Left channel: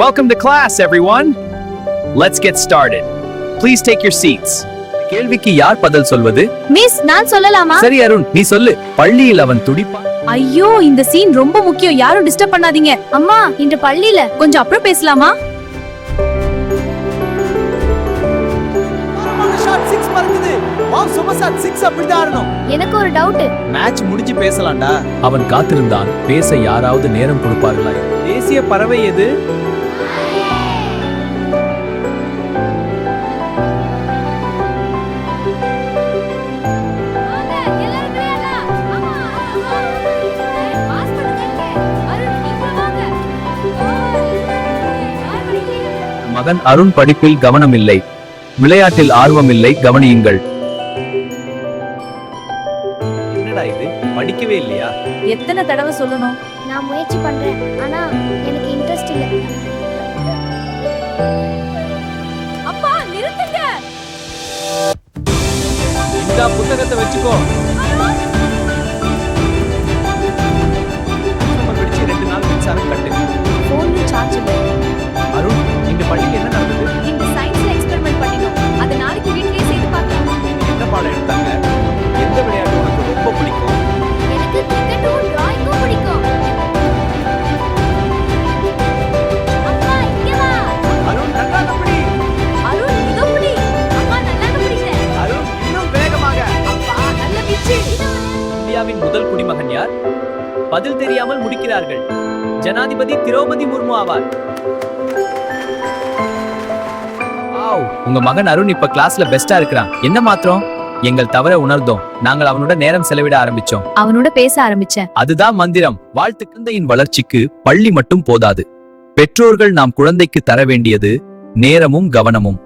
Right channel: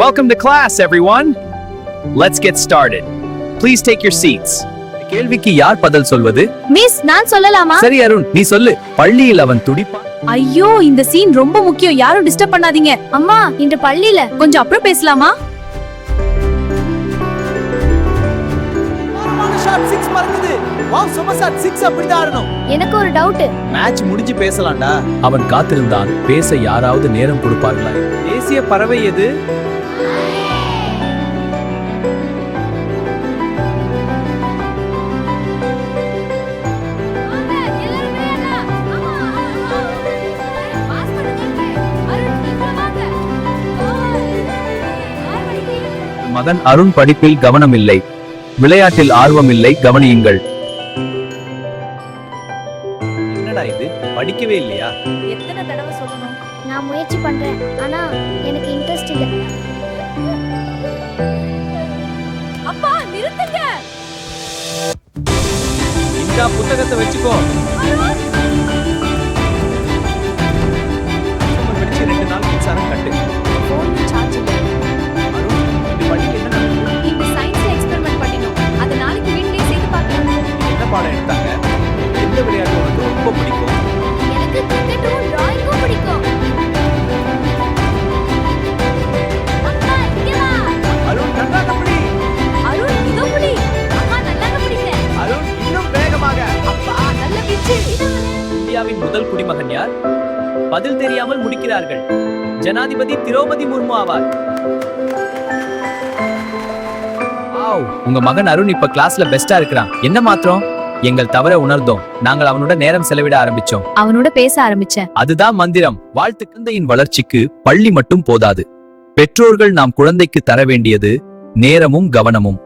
Welcome to class, everyone. Let's get started. Please take your seats. கேள்விக்கு யார் பதில் சொல்வது? மிஸ், நான் சொல்லலாமா? சரி அருண், நீ சொல்லு. பள்ளியில் அவன் துடிப்பான். ஐயோ, இந்த சீன் ரொம்ப முக்கியம். யாரும் டிஸ்டர்ப் பண்ணாதீங்க. அம்மா, இந்த பள்ளியில கொஞ்சம் அப்புறம் பேசலாமா? ஷாட் 6 பறக்குது. வாவ், சூப்பர் ஷாட் 6 அப்படிதான் ஆடணும். எனக்கு ஒரு டவுட். மேட்ச் முடிஞ்சு பேசலாம்டா. அவன் காத்திருந்தான். பேச யாராவது நேரம் கொடுப்பார்களா? தேசிய பறவை எது? மகன் அருண் படிப்பில் கவனம் இல்லை, விளையாட்டில் ஆர்வம் இல்லை, கவனியுங்கள். என்னடா இது, படிக்கவே இல்லையா? எத்தனை தடவை சொல்லணும்? நான் முயற்சி பண்றேன், ஆனா எனக்கு இன்ட்ரெஸ்ட் இல்ல. அப்பா, நிறுத்துங்க. இந்த புத்தகத்தை வெச்சுக்கோ. சோமர் படிச்சு 2 நாள் மின்சாரம் கட்டு. போன்ல சார்ஜ் இல்ல. அருண், இந்த பள்ளியில் என்ன நடக்குது? இந்த சயின்ஸ்ல எக்ஸ்பெரிமென்ட் பண்ணினோம். அது நாளைக்கு வீட்லயே செய்து பார்க்கலாம். என்ன பாடம் எடுத்தாங்க? எந்த விளையாட்டு உனக்கு ரொம்ப பிடிக்கும்? எனக்கு கிரிக்கெட்டும் டிராயிங்கும் பிடிக்கும். அப்பா, இங்க வா. அருண், நன்றாக படி. அருண், இதோ பிடி. அம்மா, நல்லாக பிடிச்சேன். அருண், இன்னும் வேகமாக. அப்பா, நல்ல வீச்சு. இந்தியாவின் முதல் குடிமகன் யார்? பதில் தெரியாமல் முடிக்கிறார்கள். ஜனாதிபதி திரௌபதி முர்மு ஆவார். உங்க மகன் அருண் இப்ப கிளாஸ்ல பெஸ்டா இருக்கிறான். என்ன மாத்திரம்? எங்கள் தவற உணர்ந்தோம். நாங்கள் அவனோட நேரம் செலவிட ஆரம்பிச்சோம். அவனோட பேச ஆரம்பிச்சேன். அதுதான் மந்திரம். குழந்தையின் வளர்ச்சிக்கு பள்ளி மட்டும் போதாது. பெற்றோர்கள் நாம் குழந்தைக்கு தர வேண்டியது நேரமும் கவனமும்.